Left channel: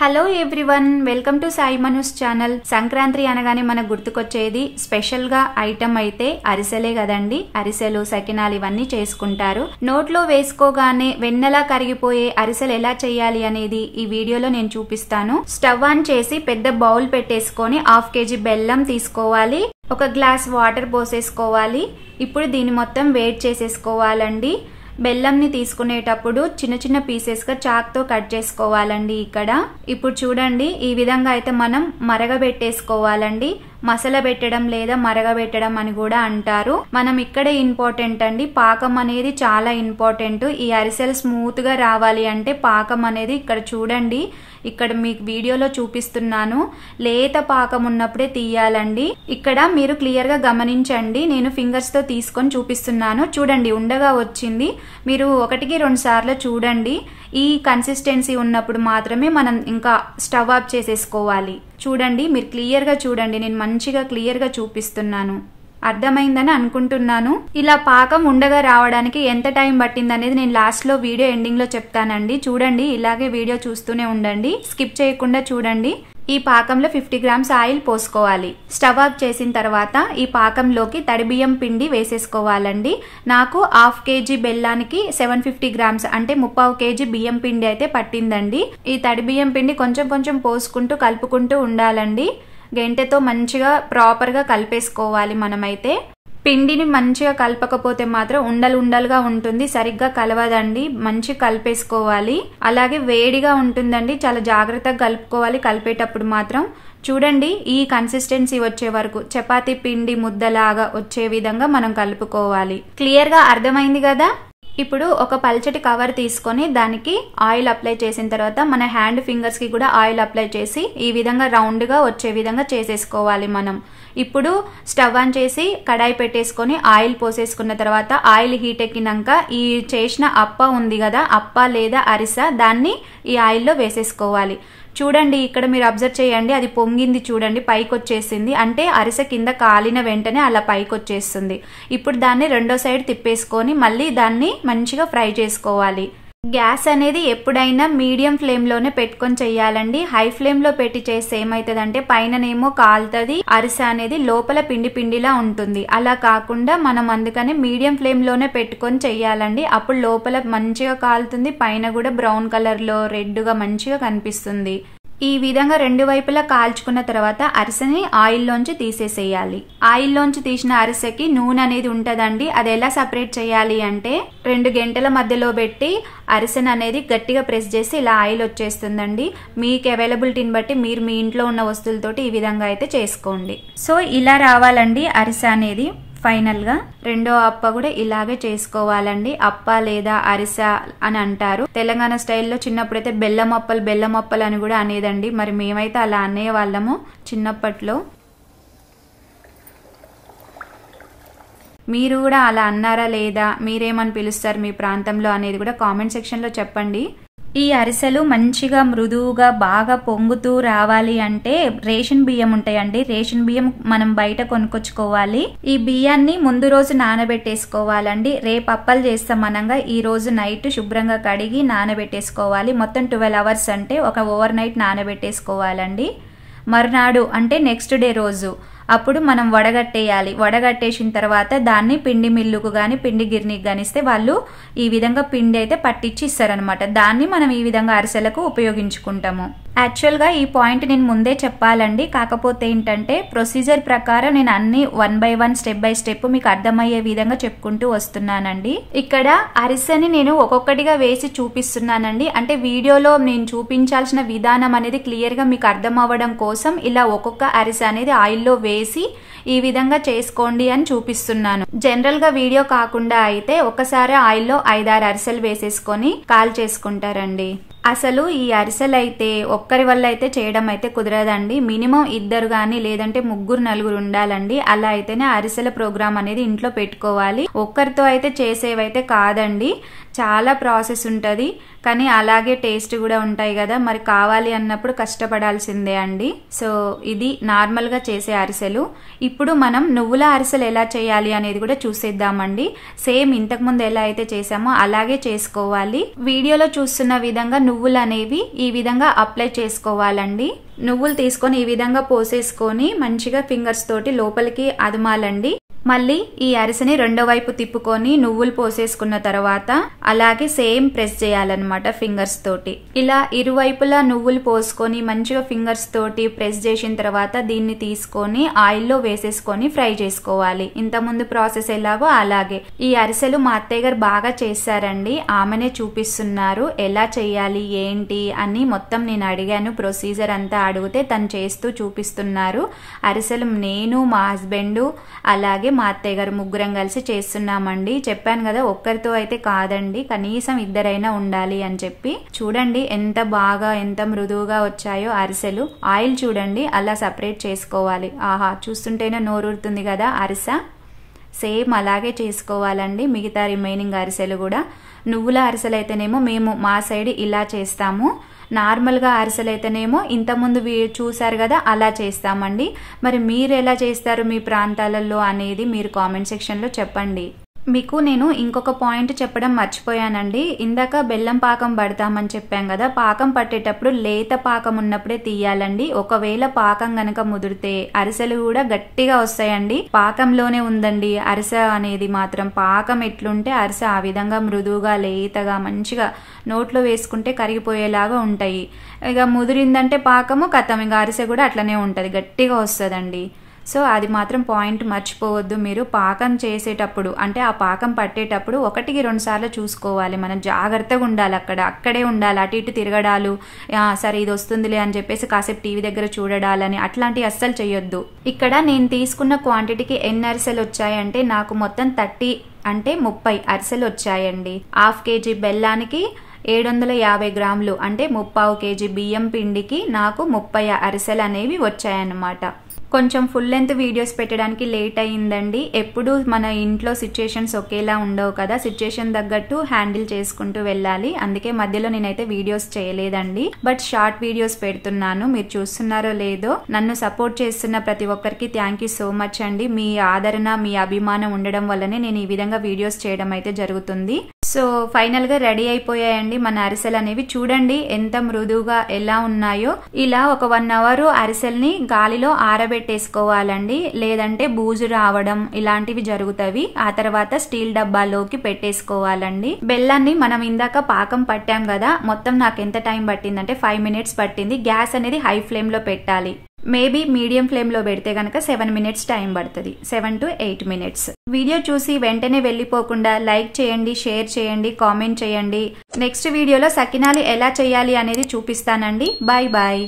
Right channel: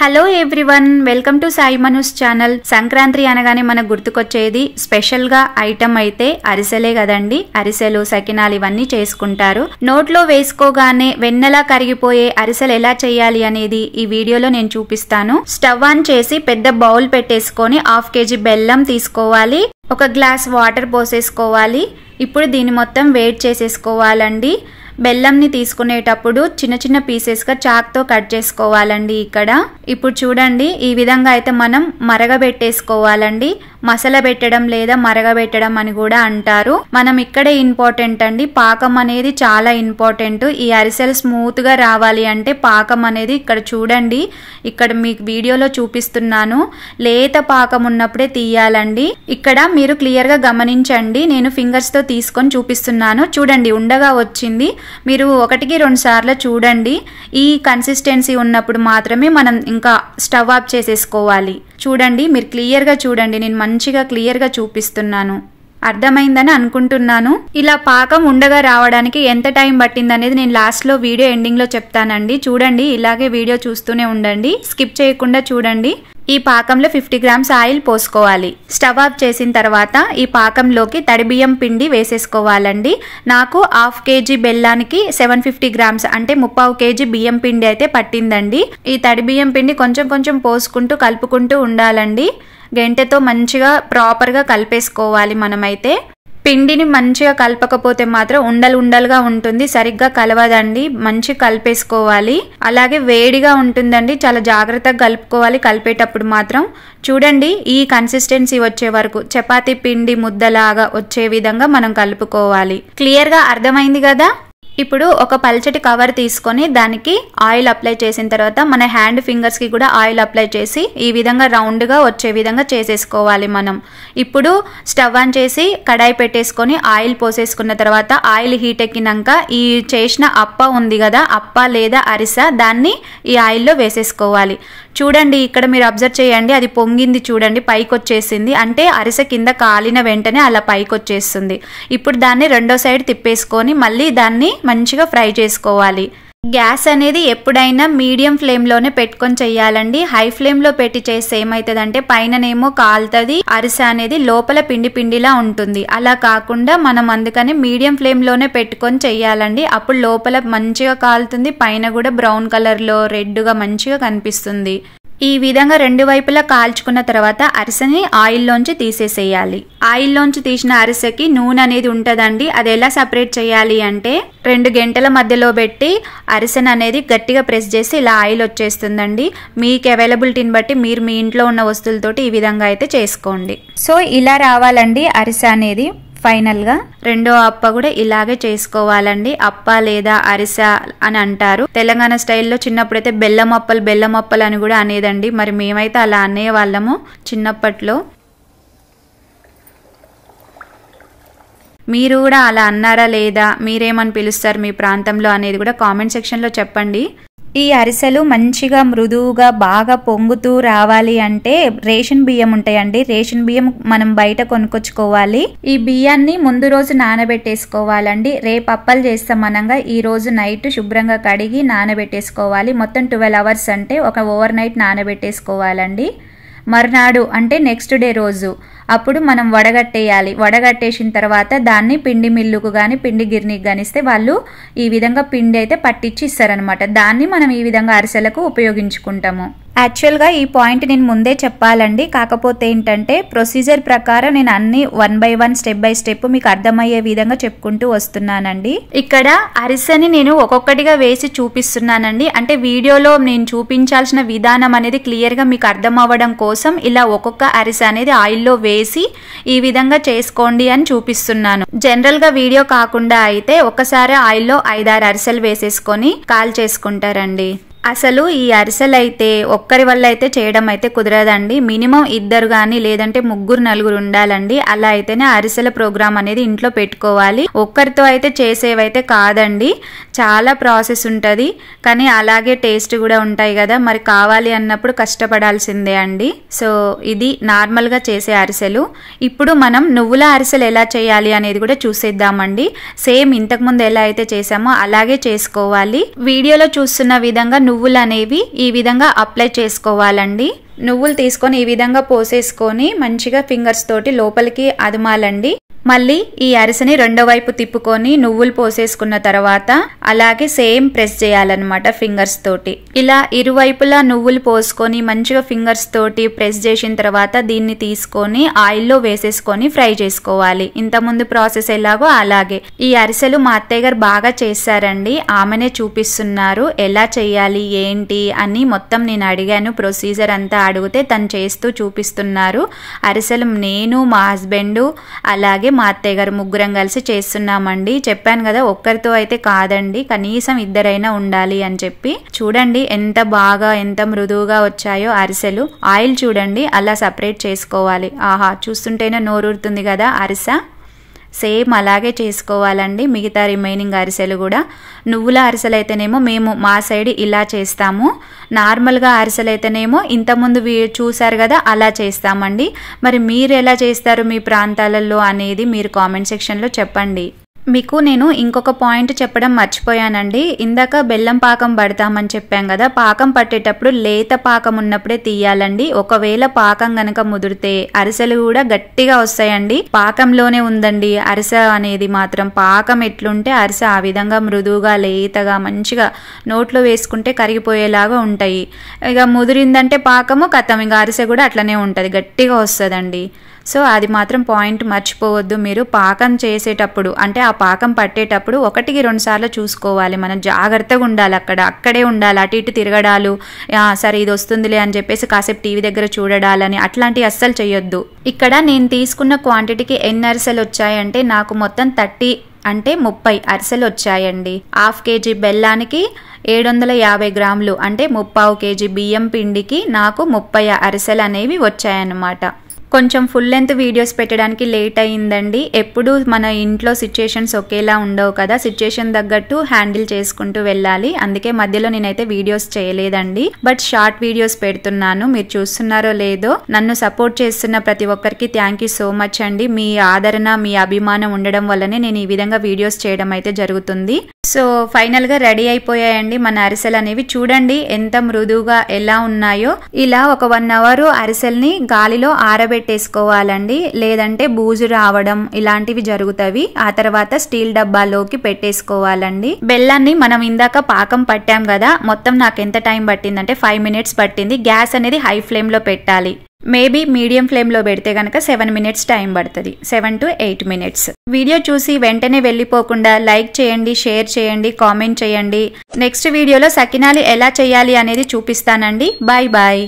Hello everyone, welcome to Sai మనూస్ channel. Sankranti అనగానే మనకు గుర్తుకొచ్చేది special గా ఐటమ్ అయితే అరిసెలే కదండి. అరిసెలు, సకినాలు ఇవన్నీ చేసుకుంటారు. నోట్లో వేసుకోగానే వెన్నెలా కరిగిపోయే అరిసెలు ఎలా చేయాలి అనేది ఈ వీడియోలో నేను చూపిస్తాను. స్టవ్ ఆన్ చేసి పెద్ద బౌల్ పెట్టేసుకొని 1/2 kg బెల్లం తీసుకోవాలి. 1 గ్లాస్ వాటర్ పోసేసుకోవాలి. ఇప్పుడు దీన్ని మొత్తం వేడి చేసేసుకోవాలండి. బెల్లంని తీసుకునేటప్పుడు చిన్న చిన్న పీసెస్ గా చాక్ తో కట్ చేసుకోవాలండి. ఇప్పుడు చూడండి, ఈ విధంగా అయితే మనం మరగబెట్టేసుకోవాలండి. మసాలా పెట్టడం లేదా మరగబెట్టడం అని కూడా అంటారు. మనం ఇక్కడే ఇంపార్టెంట్ అండి, పాకం అనేది చాలా ఇంపార్టెంట్. ఈ అరిసెలు స్మూత్ గా రావాలి అంటే పాకం అనేది ఇక్కడ చూడండి, ఇక్కడ మీకు వీడియోలో చూపిస్తున్నాను. లేత పాకం ఉన్నప్పుడే తీయాలండి. ఇక్కడ మీరు క్లియర్ గా గమనించండి, నేను ఫింగర్స్ తో తీసుకొని చూపిస్తున్నాను. చూడండి, ఉండగా వచ్చింది. మీరు 1-2 సార్లు చూడండి. ఈ కన్సిస్టెన్సీ ఉన్నప్పుడు మాత్రమే మనం ఇంకా స్టవ్ ఆఫ్ చేసేసుకోవాలి. చూడండి, మీరు క్లియర్ గా చూడండి, నేను మంచిగా క్లియర్ గా చూపిస్తున్నాను. అర్థమైందని అనుకుంటున్నాను. ఇలా పాకం ఉండగా రావడానికి ఎంత టైం పట్టింది అనేది నేను లాస్ట్ లో వీడియో ఎండింగ్ లో చెప్తానండి. చూడండి, ఇలాగే వీడియో చూస్తూనే ఉండండి, స్కిప్ చేయకుండా చూడండి. ఈ పాకంలో 50 grams ఆయిల్ పోసుకోవాలి. స్టవ్ ఆఫ్ చేసిన తర్వాత ఈ పాకంలోకి తడి బియ్యం పిండి వేసేసుకోవాలండి. నాకు 1/2 kg బెల్లానికి 750 grams అంటే 3/4 kg బియ్యం పిండి అయితే పట్టిందండి. ఈ తడి బియ్యం పిండి కొంచెం కొంచెం పోసుకుంటూ కలుపుకుంటూ ఉండాలండి. గంటెతో మంచిగా ప్రాపర్ గా కలిపేసుకోవాలి. మనమైతే పిండిని మంచిగా కలపకపోతే మాత్రం ఉండలుగా ఉంటుంది, సరిగ్గా కలవదండి. మంచి కలిపేసుకోవాలి. అలాగే వేడిగా ఉంటుందండి, చాలా జాగ్రత్తగా కలుపుకోవాలి. కలిపేటప్పుడు మాత్రం చూడండి, ఈ కన్సిస్టెన్సీ వచ్చే వరకు చపాతీ పిండి ముద్దలాగా వచ్చే విధంగా మనం కలుపుకోవాలి. క్లియర్ గా అర్థమైంది కదా. ఇప్పుడు ఒక పల్చటి కవర్ తీసుకొని దానికి ఆయిల్ అప్లై చేసిన తర్వాత మన హ్యాండ్ ఫింగర్స్ కి కూడా ఆయిల్ అప్లై చేసి ఈ విధంగా రౌండ్ గా వచ్చే విధంగా చేసేసుకోవాలి మనం. ఇప్పుడు స్టవ్ ఆన్ చేసి కడాయి పెట్టేసుకొని ఆయిల్ పోసేసుకున్న తర్వాత ఆయిల్ హీట్ ఎక్కినాక ఈ చేసిన అప్ప ఉంది కదా, అప్ప లేదా అరిసె, దాన్ని ఈ ఆయిల్లో వేసేసుకోవాలి. చూడండి, ఇక్కడ మీరు అబ్జర్వ్ చేయండి, అది పొంగింది చూడండి, పైకి వచ్చేసింది. అంటే అరిసె కింద కాలిన వెంటనే అలా పైకి వచ్చేస్తుంది. ఇప్పుడు దాన్ని రెండో సైడ్ తిప్పేసుకొని మళ్ళీ దాన్ని మంచిగా ఫ్రై చేసుకోవాలి. గ్యాస్ అనేది ఎప్పుడైనా మీడియం ఫ్లేమ్ లోనే పెట్టుకొని చెయ్యాలండి. హై ఫ్లేమ్ లో పెట్టి చేస్తే ఏమైతుందంటే పైననేమో కాలుతుంది, అరిసె అనేది లోపల పిండి పిండిలా ఉంటుంది. అలా కాకుండా మనం అందుకని మీడియం ఫ్లేమ్ లోనే పెట్టుకొని చెయ్యాలండి. అప్పుడు లోపల మంచిగా కాలుతుంది, పైన కూడా బ్రౌన్ కలర్ లో రెడ్ గా మంచిగా కనిపిస్తుంది. ఈ విధంగా 2 వైపులా కాల్చుకున్న తర్వాత అరిసెని ఆయిల్లోంచి తీసేసేయాలి. ఆయిల్లోంచి తీసిన అరిసెకి నూనె అనేది ఉంటదండి. అది ఎలా సపరేట్ చేయాలి అంటే 2 గంటల మధ్యలో పెట్టి అరిసెని అనేది గట్టిగా ప్రెస్ చేసి ఇలా ఆయిల్ వచ్చేస్తుందండి. మీకు అవైలబిలిటీని బట్టి మీరు మీ ఇంట్లో ఉన్న వస్తువులతోటి ఈ విధంగా అయితే చేసుకోండి. సో ఇలా రావాలండి అరిసె అనేది. ఫైనల్ గా రెండో అప్ప కూడా ఇలాగే చేసుకోవాలండి. అప్ప లేదా అరిసె అని అంటారు. తెలంగాణ స్టైల్లో చిన్నప్పుడైతే బెల్లం అప్పలు అని కూడా అనేదండి. మరి మేమైతే అలా అనేవాళ్ళము చిన్నప్పట్లో. మీరు కూడా అలా అన్నారా లేదా, మీరేమని పిలుస్తారు మీ ప్రాంతంలో అనేది కూడా కామెంట్ సెక్షన్ లో చెప్పండి. ఈ అరిసెలు మంచిగా మృదువుగా బాగా పొంగుతూ రావాలి అంటే రేషన్ బియ్యం ఉంటాయండి. రేషన్ బియ్యం మనం బయట కొనుక్కొచ్చుకోవాలి. ఈ బియ్యాన్ని ముందు రోజు నానబెట్టేసుకోవాలండి. రేపు అప్పలు చేస్తాం అనంగా ఈ రోజు నైట్ శుభ్రంగా కడిగి నానబెట్టేసుకోవాలి. మొత్తం 12 hours అంటే ఒక ఓవర్ నైట్ నానబెట్టేసుకోవాలండి. మర్నాడు అంటే నెక్స్ట్ డే రోజు అప్పుడు మనం వడగట్టేయాలి. వడగట్టేసిన తర్వాత దాన్ని పిండి మిల్లుకు గాని పిండి గిర్నీకి గానిస్తే వాళ్ళు ఈ విధంగా పిండి అయితే పట్టించి ఇస్తారనమాట. దాన్ని మనం ఈ విధంగా అరిసెలకు ఉపయోగించుకుంటాము. యాక్చువల్ గా ఈ పాయింట్ నేను ముందే చెప్పాలండి, కాకపోతే ఏంటంటే ప్రొసీజర్ ప్రకారం నేను అన్ని 1 by 1 స్టెప్ బై స్టెప్ మీకు అర్థమయ్యే విధంగా చెప్పుకుంటూ వస్తున్నానండి. ఇక్కడ అరిసెని నేను ఒక్కొక్కటిగా వేసి చూపిస్తున్నానండి. అంటే వీడియోలో నేను చూపించాల్సిన విధానం అనేది క్లియర్ గా మీకు అర్థం అవ్వడం కోసం ఇలా ఒక్కొక్క అరిసె అనేది ఆయిల్లో వేసి ఈ విధంగా చేసుకోండి అని చూపిస్తున్నాను. జనరల్ గా వీడియో కాకుండా అయితే ఒకసారి ఆయిల్లో 5-6 అరిసెలు వేసేసుకొని కాల్ చేసుకుంటారండి. అసలు ఈ అరిసెలు అయితే ఒక్కరి వల్ల అయితే చేయడం అయితే కుదరదండి. మినిమం 2 గాని లేదంటే 3-4 ఉండాలండి. అలా అయితేనే అరిసెల ప్రోగ్రామ్ అనేది ఇంట్లో పెట్టుకోవాలి. ఒక్కరితో అయితే చేసేవైతే కాదండి, చాలా ప్రాసెస్ ఉంటది. కానీ అలాగే టేస్ట్ కూడా ఉంటాయి కదా, మరి కావాలి అన్నప్పుడు కష్టపడాల్సిందే అండి. సో ఇది నార్మల్ గా చేసే అరిసెలు. ఇప్పుడు మనం నువ్వుల అరిసెలు ఎలా చేయాలి అనేది కూడా చూసేద్దామండి. సేమ్ ఇంతకు ముందు ఎలా అయితే చేసామో అలాగే చేసుకోవాలి. వీడియోలో చూస్తున్న విధంగా నువ్వులు అనేవి ఈ విధంగా అప్లై చేసుకోవాలండి. నువ్వులు తీసుకొని ఈ విధంగా పోసేసుకొని మంచిగా ఫింగర్స్ తోటి లోపలికి అదమాలండి. మళ్ళీ ఈ అరిసెని రెండో వైపు తిప్పుకొని నువ్వులు పోసేసుకున్న తర్వాత అలాగే సేమ్ ప్రెస్ చేయాలన్నమాట ఫింగర్స్ తోటి. ఇలా ఇరువైపులా నువ్వులు పోసుకొని మంచిగా ఫింగర్స్ తోటి ప్రెస్ చేసిన తర్వాత దీన్ని తీసుకొని ఆయిల్లో వేసేసుకొని ఫ్రై చేసుకోవాలి. ఇంతకుముందు ప్రాసెస్ ఎలాగో అలాగే. ఈ అరిసెలు మా అత్తయ్య గారు బాగా చేశారండి. ఆమెనే చూపిస్తున్నారు ఎలా చేయాలి ఏంటి అని. మొత్తం నేను అడిగాను, ప్రొసీజర్ అంతా అడిగితే తను చేస్తూ చూపిస్తున్నారు. అరిసెలు నేను, మా హస్బెండ్, అలాగే మా అత్తయ్య గారు ముగ్గురం కలిసి చేస్తున్నామండి. చెప్పాను కదా ఒక్కరితో అయితే కాదండి, కనీసం ఇద్దరైనా ఉండాలి అని చెప్పి. చూడండి ఎంత బాగా ఎంత మృదువుగా వచ్చాయో అరిసెలు. ఆయిల్ చూడండి అలా సపరేట్ చేసుకోవాలి. ఆహా, చూస్తుంటేనే నోరూరుతుంది కదా అరిసె. సేమ్ అలాగే చేసుకోవాలండి మిగతా రిమైనింగ్ అరిసెలు కూడా. నువ్వుల అరిసెలు అయితేనేమో మేము మా సైడ్ ఇలా చేస్తాము. నార్మల్గా అరిసెలు అయితేనేమో ఇంతకుముందు చూసారు కదా అలా చేస్తామండి. మరి మీరు ఎలా చేస్తారు మీ ప్రాంతాలలో అనేది మీరు కామెంట్ సెక్షన్లో చెప్పండి. మీకు నేను ఇంకొక పాయింట్ చెప్పడం మర్చిపోయానండి. ఇందాక బెల్లం పాకం పడతామని చెప్పాం కదా, పాకం పట్టేటప్పుడు లేత పాకం ఉన్నప్పుడే తీయాలండి. ఒకవేళ పాకం గనక ముదిరితే అరిసెలు కూడా గట్టిగా వస్తాయండి. పాకంలోనే ఉందండి అరిసె అనేది మాత్రం. పాకం ఎట్లుంటే అరిసె ఆ విధంగా మృదువుగా లేతగా మంచిగా నోట్లో వేసుకుంటే కరిగిపోయేలాగా ఉంటాయి. ఇక ముదిరిందంటే పాకము కథం, ఇంకా అరిసె కూడా అట్లనే ఉంటుంది, గట్టిగా వస్తుందండి. సో అది మాత్రం పాయింట్ మర్చిపోవద్దు మీరు. పాకం చేసేటప్పుడు అంటే ఆ పాకం పట్టేటప్పుడు 1-2 సార్లు చూసుకోవాలి. మనం జాగ్రత్తగా ఉండాలి, అక్కడే ఉండాలి. అటు ఇటు తిరగడాలు, సరే ఇది వస్తుందిలే అని చెప్పేసి కాసేపు టీవీ దగ్గర చూడడాలని అట్లాంటివి అస్సలు చేయొద్దు. ఇక్కడ నేను తీసుకున్న క్వాంటిటీకి ఎన్ని అరిసెలు వచ్చాయంటే నాకు మొత్తం 30 అంటే 30 అరిసెలు వచ్చాయండి. 1/2 kg బెల్లానికి 750 గ్రాములు అంటే 3/4 kg బియ్యం పిండికి నాకు 30 అరిసెలు అనేవి వచ్చాయన్నమాట. కొంచెం ఫుల్ లెంత్ వీడియోస్ పెట్టడానికి లేట్ అయ్యిందండి. ఎప్పుడు మన ఇంట్లో సిచ్యుయేషన్స్ ఒకేలా ఉండవు కదా, సిచ్యుయేషన్ తగ్గట్టు హ్యాండిల్ చేసుకుంటూ వెళ్ళాలి. అందుకే మధ్యలో నేనైతే వీడియోస్ చేయలేదండి. బట్ షార్ట్ వీడియోస్ పెడుతున్నాను. మీరు చూస్తున్నారో లేదో, నన్ను సపోర్ట్ చేస్తున్న ప్రతి ఒక్కరికి థ్యాంక్ యూ సో మచ్ అండి. మీ ఆదరణ మీ అభిమానం ఉండడం వల్లనే నేను ఈ విధంగా వీడియోస్ చేయడం అయితే జరుగుతుంది. సో ఫైనల్ గా రెడీ అయిపోయాయండి మన అరిసెలు అనేవి. చూడండి ఎంత మృదువుగా ఎలా ఉన్నాయో. ఇలా ఒక 1 అవర్ అరిసెల్ని గాలిలో ఆరబెట్టేసుకోవాలండి, లేదంటే బూజు రావడం ఇలాంటివి జరుగుతాయి. ఆ తర్వాత స్టీల్ డబ్బాలోకి పెట్టేసుకోవాలండి. బెల్లాన్ని మనం ఇందాక పాకం పట్టాం కదా, మొత్తం నాకు ఎంత టైం పట్టిందంటే 5 మినిట్స్ పట్టింది. గ్యాస్ అనేది హై ఫ్లేమ్ లో పెట్టాలి. మేబీ మీడియం ఫ్లేమ్ లో పెడితే గనక 7 మినిట్స్ టైం పడుతుంది, 7 to 8 మినిట్స్. వీడియో చూసి వెంటనే వెళ్ళిపోకుండా లైక్ చేయండి, షేర్ చేయండి, కామెంట్ చేయండి. నెక్స్ట్ వీడియోలో సకినాలు ఎలా చేయాలి అనేది చూపిస్తానండి. Bye bye.